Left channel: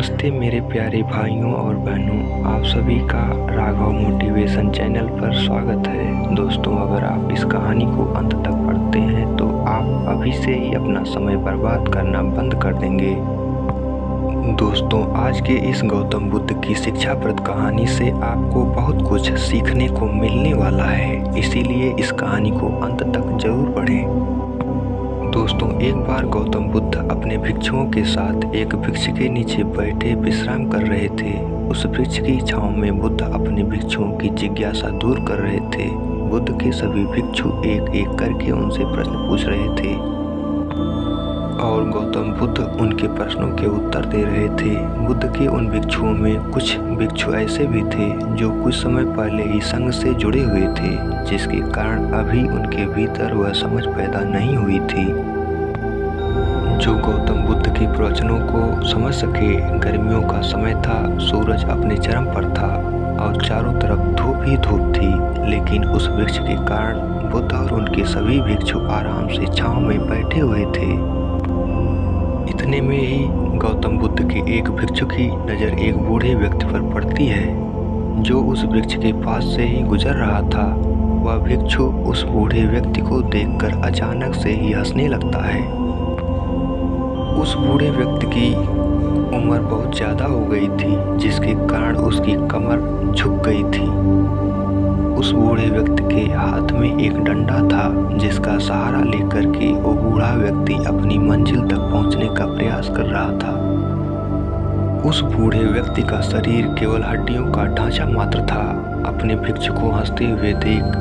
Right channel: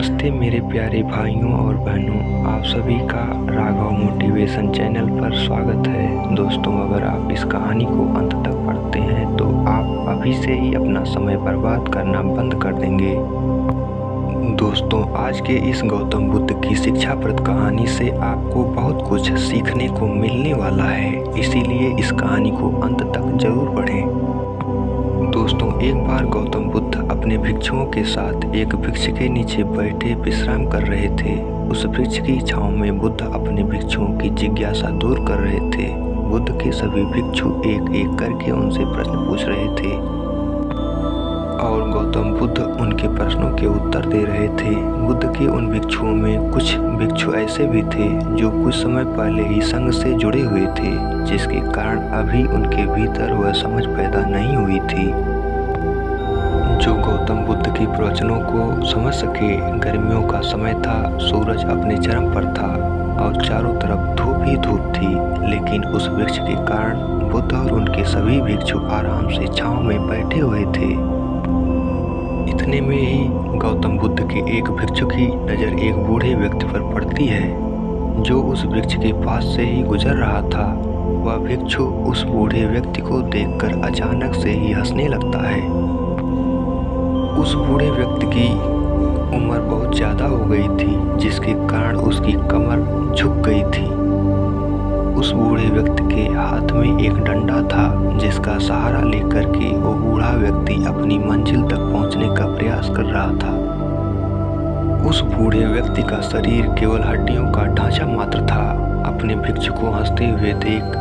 नमस्ते मेरे प्यारे भाइयों और बहनों, आप सभी का राघव मोटिवेशन चैनल पर स्वागत है। दोस्तों, अगर आप इस कहानी को अंत तक पढ़ते हैं तो आप अभी से ही अपना समय बर्बाद करना बंद कर देंगे। दोस्तों, आज के इस गौतम बुद्ध की शिक्षाप्रद कहानी से आपको बहुत कुछ सीखने को मिलने वाला है, इसीलिए इस कहानी को अंत तक जरूर पढ़ें। दोस्तों, एक बार गौतम बुद्ध अपने भिक्षुओं के साथ एक वृक्ष के नीचे बैठे विश्राम कर रहे थे। उस वृक्ष की छांव में बुद्ध अपने भिक्षुओं की जिज्ञासा दूर कर रहे थे। बुद्ध के सभी भिक्षु एक एक करके उनसे प्रश्न पूछ रहे थे और गौतम बुद्ध उनके प्रश्नों के उत्तर दे रहे थे। बुद्ध के उन भिक्षुओं में कुछ भिक्षु ऐसे भी थे जो कुछ समय पहले ही संघ से जुड़े हुए थे, जिसके कारण अभी उनके भीतर वह समझ पैदा नहीं हुई थी जो गौतम बुद्ध के प्रवचनों को समझ सके। गर्मियों का समय था, सूरज अपने चरम पर था और चारों तरफ धूप ही धूप थी, लेकिन उस वृक्ष के कारण बुद्ध और उनके सभी भिक्षु आराम से छांव में बैठे हुए थे। इतने में ही गौतम बुद्ध के एक भिक्षु की नज़र एक बूढ़े व्यक्ति पर पड़ती है जो उस वृक्ष के पास से ही गुजर रहा था। वह भिक्षु उस बूढ़े व्यक्ति को देखकर अचानक से ही हंसने लगता है। उस बूढ़े व्यक्ति की उम्र बहुत ज़्यादा हो गई थी, जिसके कारण उसकी कमर झुक गई थी। उस बूढ़े व्यक्ति के हाथ में एक डंडा था, जिसका सहारा लेकर के वो बूढ़ा व्यक्ति अपनी मंजिल तक पहुंचने का प्रयास कर रहा था। उस बूढ़े व्यक्ति का शरीर केवल हड्डियों का ढांचा मात्र था। अपने भिक्षु को हंसते हुए देख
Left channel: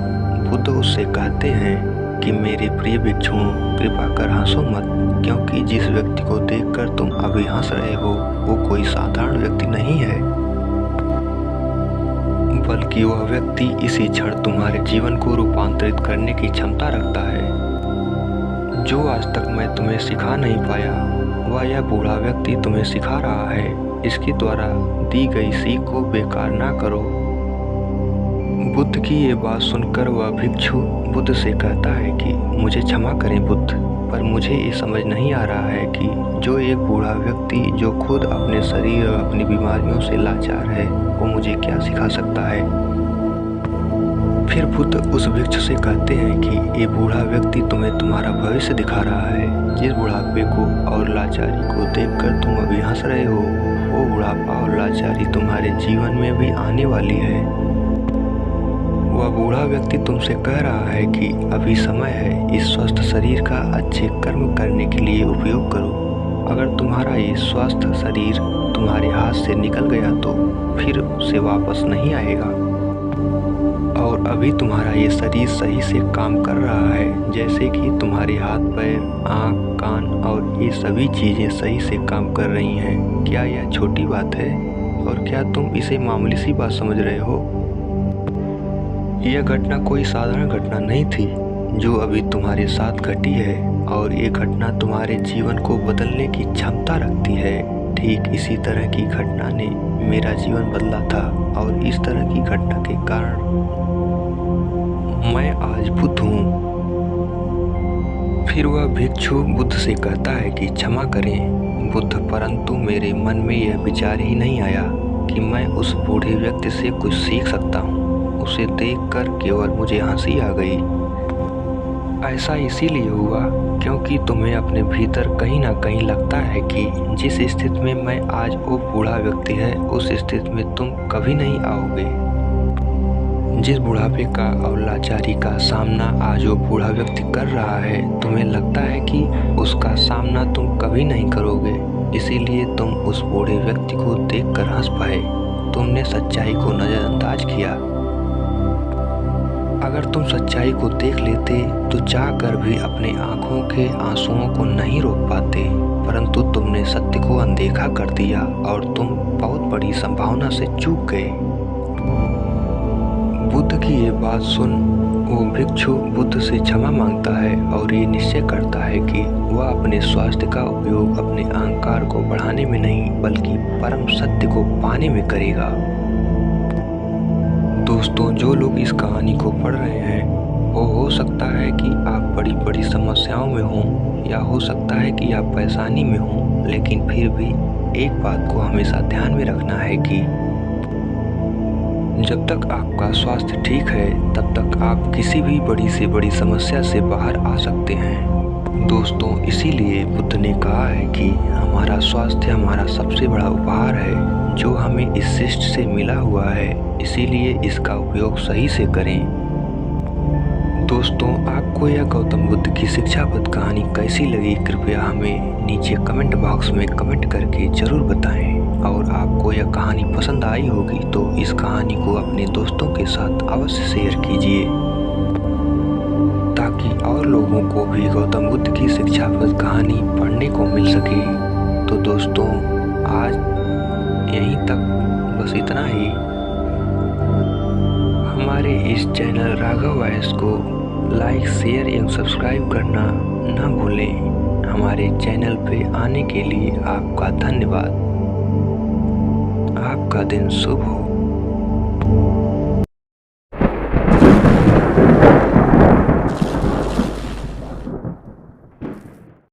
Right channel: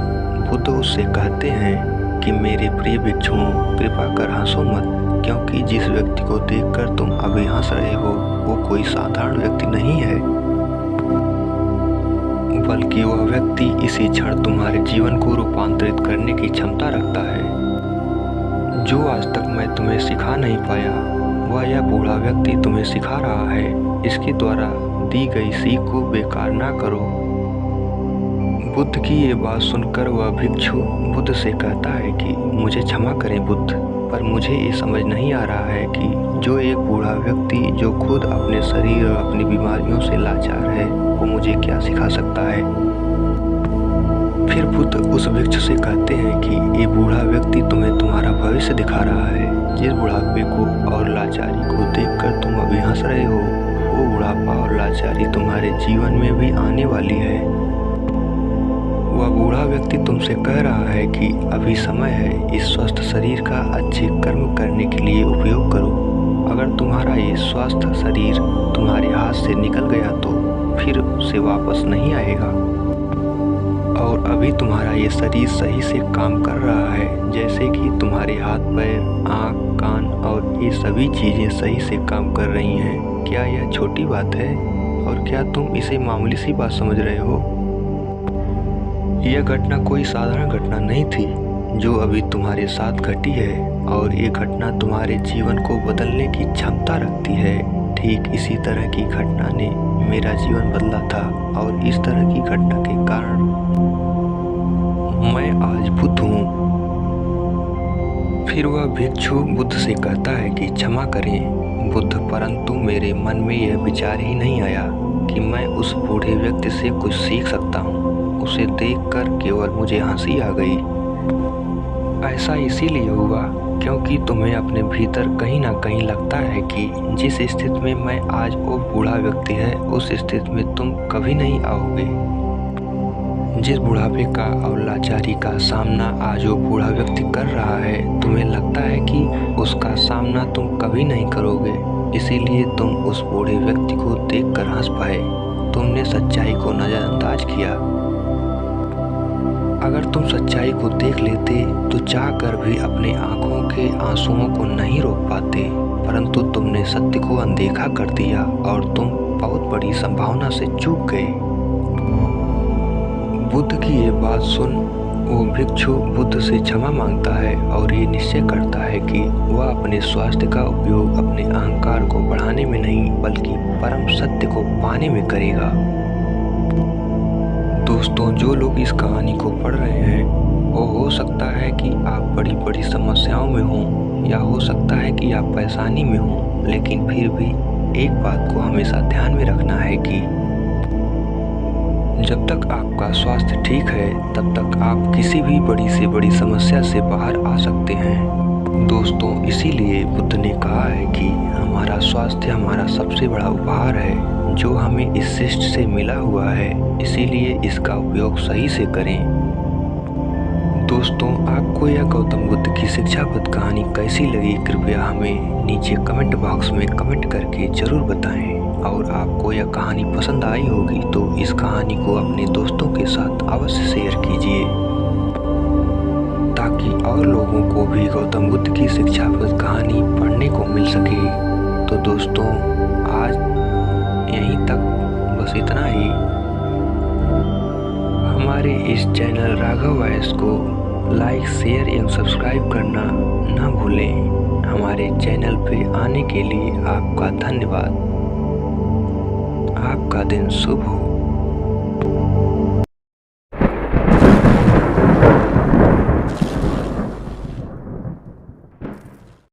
बुद्ध उससे कहते हैं कि मेरे प्रिय भिक्षुओं, कृपा कर हंसो मत, क्योंकि जिस व्यक्ति को देखकर तुम अभी हंस रहे हो वो कोई साधारण व्यक्ति नहीं है, बल्कि वह व्यक्ति इसी क्षण तुम्हारे जीवन को रूपांतरित करने की क्षमता रखता है। जो आज तक मैं तुम्हें सिखा नहीं पाया, वह यह बूढ़ा व्यक्ति तुम्हें सिखा रहा है। इसके द्वारा दी गई सीख को बेकार ना करो। बुद्ध की ये बात सुनकर वह भिक्षु बुद्ध से कहता है कि मुझे क्षमा करें बुद्ध, पर मुझे ये समझ नहीं आ रहा है कि जो एक बूढ़ा व्यक्ति जो खुद अपने शरीर और अपनी बीमारियों से लाचार है, वो मुझे क्या सिखा सकता है। फिर बुद्ध उस भिक्षु से कहते हैं कि ये बूढ़ा व्यक्ति तुम्हें तुम्हारा भविष्य दिखा रहा है। जिस बुढ़ापे को और लाचारी को देखकर तुम अभी हंस रहे हो, वो बुढ़ापा और लाचारी तुम्हारे जीवन में भी आने वाली है। वह बूढ़ा व्यक्ति तुमसे कह रहा है कि अभी समय है, इस स्वस्थ शरीर का अच्छे कर्म करने के लिए उपयोग करो। अगर तुम्हारा ये स्वस्थ शरीर तुम्हारे हाथ से निकल गया तो फिर से वापस नहीं आएगा। और अभी तुम्हारा ये शरीर सही से काम कर रहा है, जैसे कि तुम्हारे हाथ, पैर, आँख, कान और ये सभी चीज़ें सही से काम कर रही हैं। क्या यह छोटी बात है और क्या तुम इसे मामूली सी बात समझ रहे हो? यह घटना कोई साधारण घटना नहीं थी जो अभी तुम्हारे साथ घटी है, और ये घटना तुम्हारे जीवन को बदलने की क्षमता रखती है। ठीक इसी तरह की घटना ने मेरा जीवन बदला था, और इस तरह की घटना के कारण मैं आज बुद्ध हूँ। फिर वह भिक्षु बुद्ध से कहता है कि क्षमा करें बुद्ध, परंतु मेरे मन में यह विचार ही नहीं आया कि मैं उस बूढ़े व्यक्ति से कुछ सीख सकता हूँ। उसे देखकर केवल मुझे हंसी आ गई। ऐसा इसीलिए हुआ क्योंकि तुम्हें अपने भीतर कहीं ना कहीं लगता है कि जिस स्थिति में मैं आज वो बूढ़ा व्यक्ति है, उस स्थिति में तुम कभी नहीं आओगे। जिस बुढ़ापे का और लाचारी का सामना आज वो बूढ़ा व्यक्ति कर रहा है, तुम्हें लगता है कि उसका सामना तुम कभी नहीं करोगे, इसीलिए तुम उस बूढ़े व्यक्ति को देखकर हंस पाए। तुमने सच्चाई को नज़रअंदाज किया। अगर तुम सच्चाई को देख लेते तो चाहकर भी अपने आंखों के आंसुओं को नहीं रोक पाते, परंतु तुमने सत्य को अनदेखा कर दिया और तुम बहुत बड़ी संभावना से चूक गए। बुद्ध की ये बात सुन वो भिक्षु बुद्ध से क्षमा मांगता है और ये निश्चय करता है कि वह अपने स्वास्थ्य का उपयोग अपने अहंकार को बढ़ाने में नहीं, बल्कि परम सत्य को पाने में करेगा। दोस्तों, जो लोग इस कहानी को पढ़ रहे हैं, वो हो सकता है कि आप बड़ी बड़ी समस्याओं में हों, या हो सकता है कि आप परेशानी में हों, लेकिन फिर भी एक बात को हमेशा ध्यान में रखना है कि जब तक आपका स्वास्थ्य ठीक है तब तक आप किसी भी बड़ी से बड़ी समस्या से बाहर आ सकते हैं। दोस्तों, इसीलिए बुद्ध ने कहा है कि हमारा स्वास्थ्य हमारा सबसे बड़ा उपहार है जो हमें इस सृष्टि से मिला हुआ है, इसीलिए इसका उपयोग सही से करें। दोस्तों, आपको यह गौतम बुद्ध की शिक्षाप्रद कहानी कैसी लगी, कृपया हमें नीचे कमेंट बॉक्स में कमेंट करके ज़रूर बताएं। और आपको यह कहानी पसंद आई होगी तो इस कहानी को अपने दोस्तों के साथ अवश्य शेयर कीजिए ताकि और लोगों को भी गौतम बुद्ध की शिक्षाप्रद कहानी पढ़ने को मिल सके। तो दोस्तों, आज यहीं तक बस इतना ही। हमारे इस चैनल राघव वॉइस को लाइक, शेयर एवं सब्सक्राइब करना न भूलें। हमारे चैनल पे आने के लिए आपका धन्यवाद। आपका दिन शुभ हो।